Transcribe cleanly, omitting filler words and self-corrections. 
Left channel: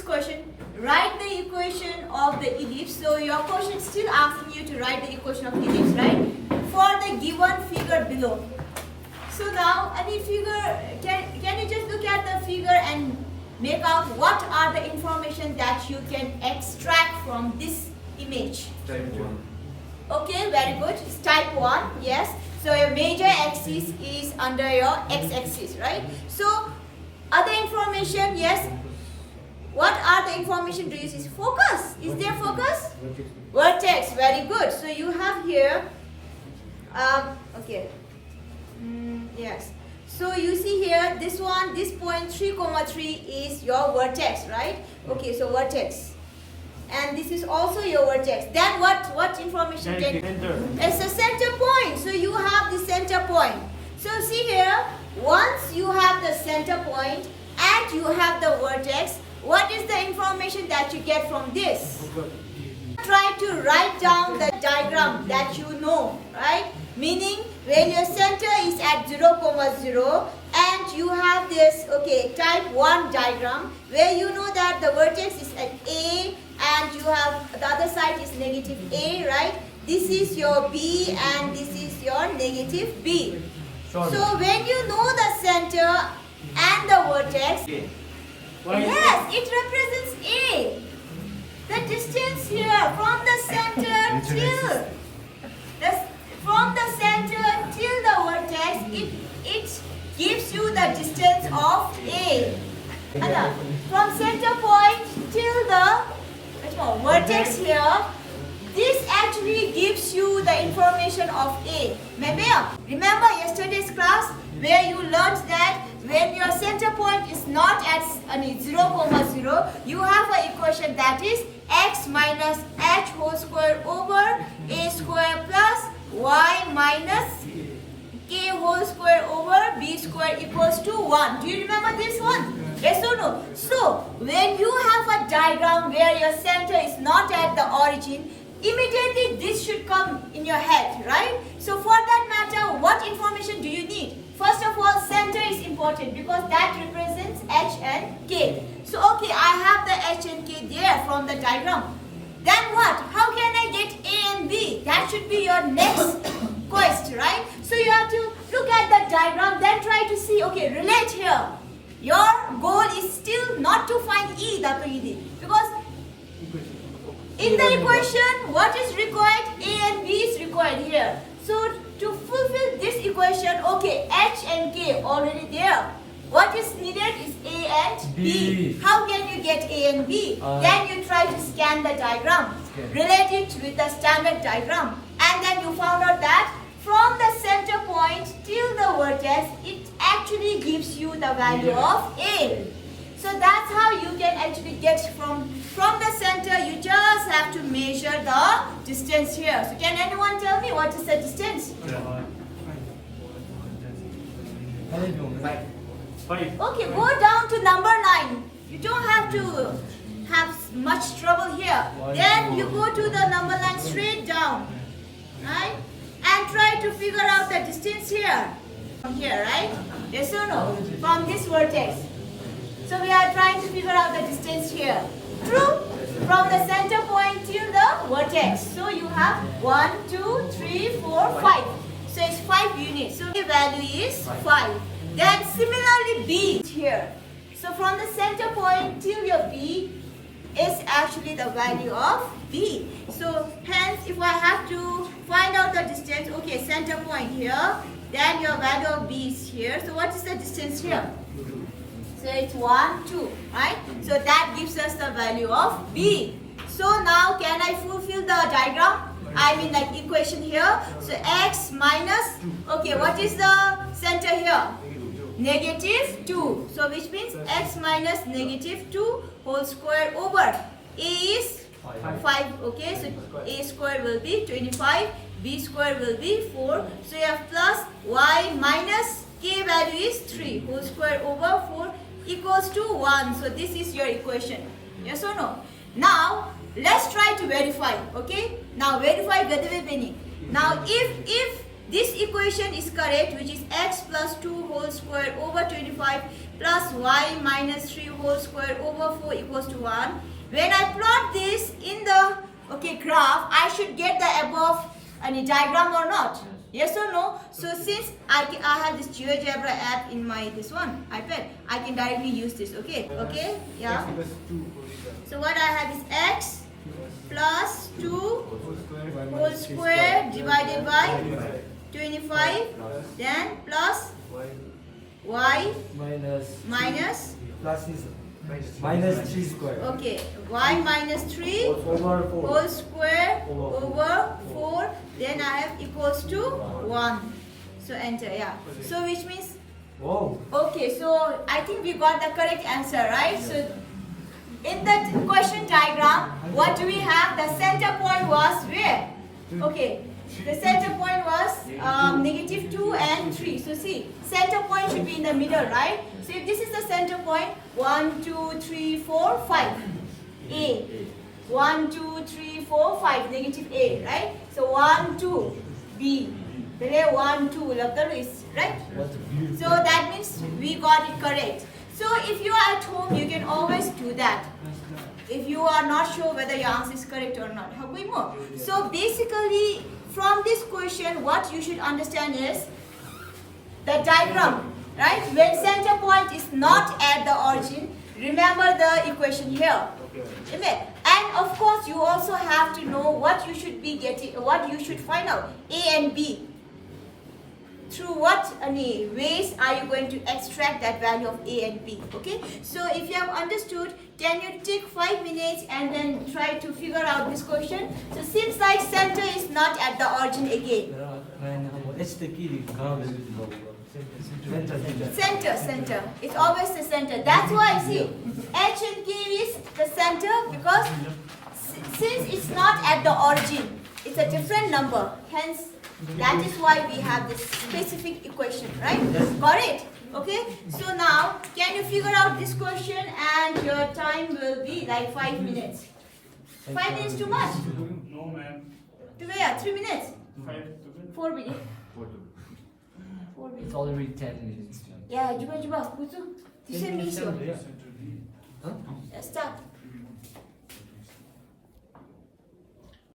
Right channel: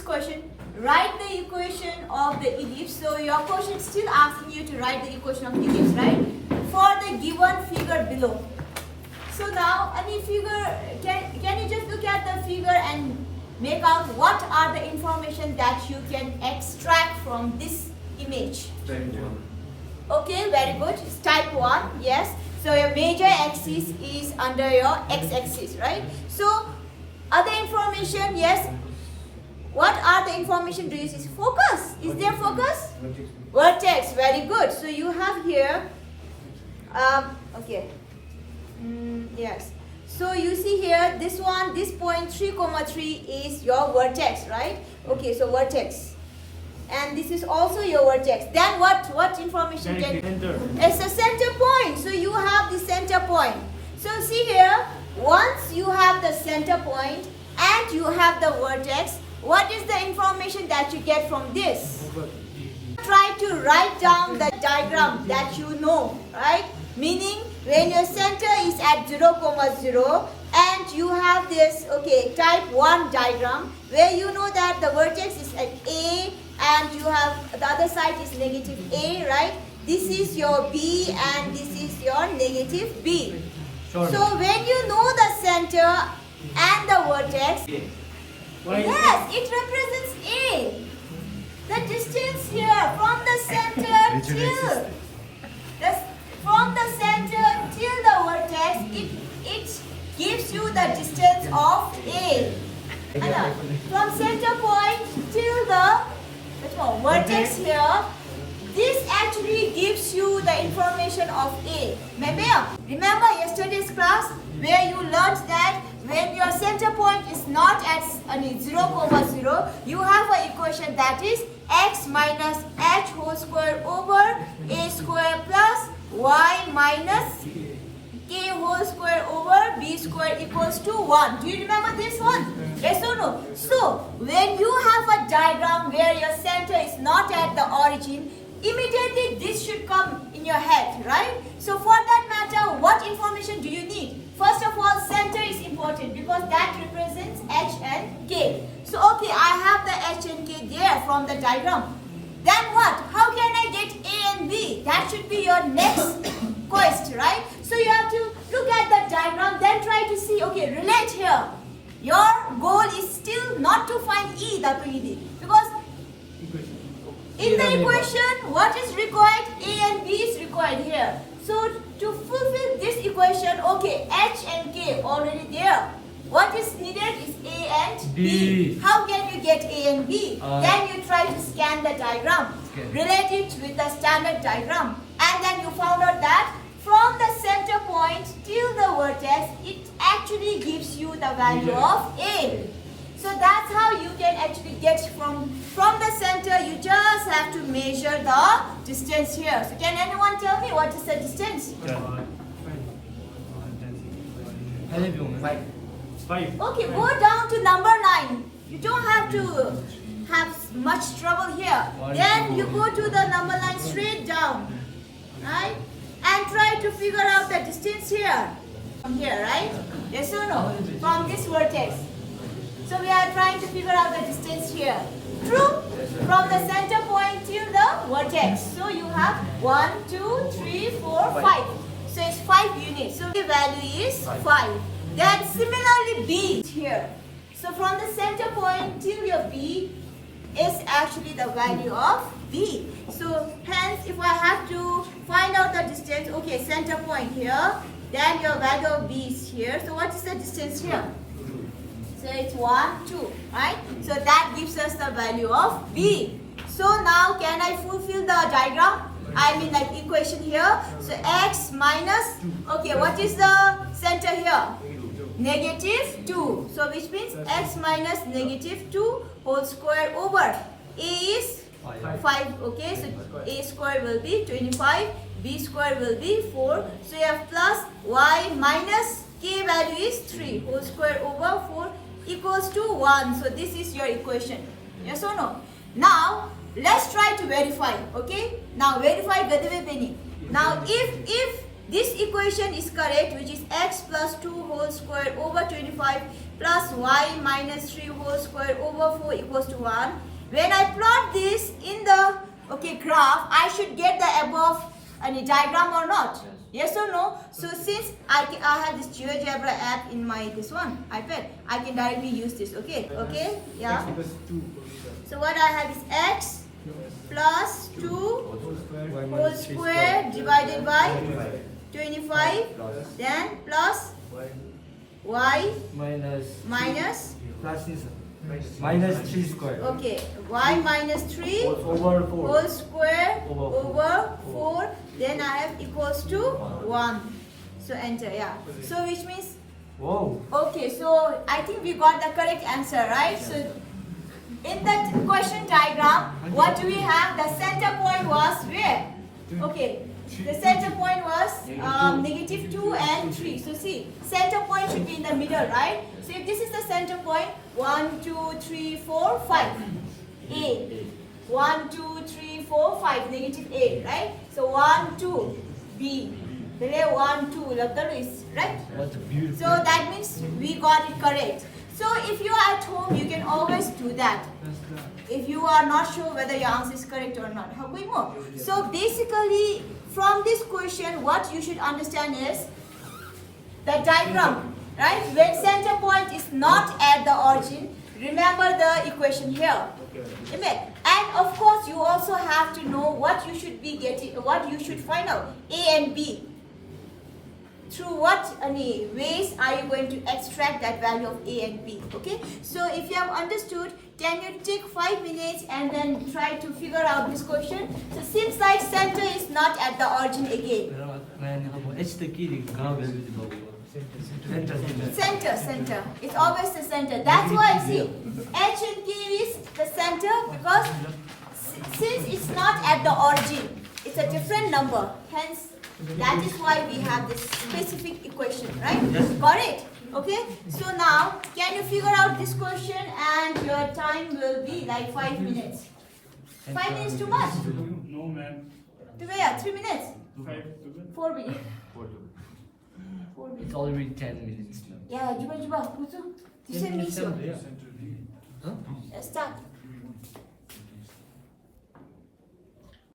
this question. Write the equation of the ellipse. So your question is still asking you to write the equation of ellipse, right? For the given figure below. So now, any figure, can you just look at the figure and make out what are the information that you can extract from this image? Okay, very good. It's type 1, yes. So your major axis is under your x-axis, right? So other information, yes. What are the information do you see? Focus. Is there focus? Vertex. Very good. So you have here, okay. Yes. So you see here, this one, this point 3, 3 is your vertex, right? Okay, so vertex. And this is also your vertex. Then what information can... Center. It's a center point. So you have the center point. So see here, once you have the center point and you have the vertex, what is the information that you get from this? Try to write down the diagram that you know, right? Meaning when your center is at 0, 0 and you have this, okay, type 1 diagram where you know that the vertex is at A and you have the other side is negative A, right? This is your B and this is your negative B. So when you know the center and the vertex, yes, it represents A. The distance here from the center till the vertex, it gives you the distance of A. From center point till the vertex here, this actually gives you the information of A. Remember yesterday's class where you learned that when your center point is not at 0, 0, you have an equation that is x minus h whole square over a square plus y minus k whole square over b square equals to 1. Do you remember this one? Yes or no? So, when you have a diagram where your center is not at the origin, immediately this should come in your head, right? So, for that matter, what information do you need? First of all, center is important because that represents h and k. So, okay, I have the h and k there from the diagram. Then what? How can I get A and B? That should be your next quest, right? So you have to look at the diagram, then try to see, okay, relate here. Your goal is still not to find E, because in the equation, what is required? A and B is required here. So to fulfill this equation, okay, H and K already there. What is needed is A and B. How can you get A and B? Then you try to scan the diagram, relate it with the standard diagram, and then you found out that from the center point till the vertex, it actually gives you the value of A. So that's how you can actually get from the center. You just have to measure the distance here. So can anyone tell me what is the distance? Okay, go down to number 9. You don't have to have much trouble here. Then you go to the number 9 straight down, right? And try to figure out the distance here. From here, right? Yes or no? From this vertex. So we are trying to figure out the distance here. True? From the center point till the vertex. So you have 1, 2, 3, 4, 5. So it's 5 units. So the value is 5. Then similarly B here. So from the center point till your B is actually the value of B. So hence if I have to find out the distance, okay, center point here, then your value of B is here. So what is the distance here? So it's 1, 2, right? So that gives us the value of B. So now can I fulfill the diagram? I mean like equation here. So x minus, okay, what is the center here? Negative 2. So which means x minus negative 2 whole square over A is 5. Okay, so A square will be 25, B square will be 4. So you have plus y minus k value is 3 whole square over 4 equals to 1. So this is your equation. Yes or no? Now let's try to verify. Okay, now verify Gadave Beni. Now if this equation is correct, which is x plus 2 whole square over 25 plus y minus 3 whole square over 4 equals to 1. When I plot this in the graph, I should get the above any diagram or not? Yes or no? So since I have this GeoGebra app in my iPad, I can directly use this. Okay, yeah. So what I have is x plus 2 whole square divided by 25, then plus y minus minus 3 square. okay, y minus 3 Over 4. whole square Over over 4, then I have equals to 1. So enter, yeah. So which means, Whoa. okay, so I think we got the correct answer, right? So in that question diagram, what do we have? The center point was where? Okay, the center point was negative 2 and 3. So see, center point should be in the middle, right? So if this is the center point, 1, 2, 3, 4, 5. A. 1, 2, 3, 4, 5. Negative A, right? So 1, 2. B. There 1, 2. Right? What a beautiful. So that means we got it correct. So if you are at home, you can always do that. If you are not sure whether your answer is correct or not. So basically, from this question, what you should understand is the diagram, right? When center point is not at the origin, remember the equation here. Amen. And of course, you also have to know what you should be getting, what you should find out, A and B. Through what ways are you going to extract that value of A and B? Okay. So if you have understood, can you take 5 minutes and then try to figure out this question? So seems like center is not at the origin again. Center. It's always the center. That's why see H and K is the center because since it's not at the origin, it's a different number. Hence, that is why we have this specific equation, right? Got it? Okay. So now, can you figure out this question and your time will be like 5 minutes. 5 minutes too much? No, ma'am. 3 minutes? 4 minutes. 4 minutes. It's already 10 minutes now. Yeah, cuba. Kutu. 10 minutes. Start.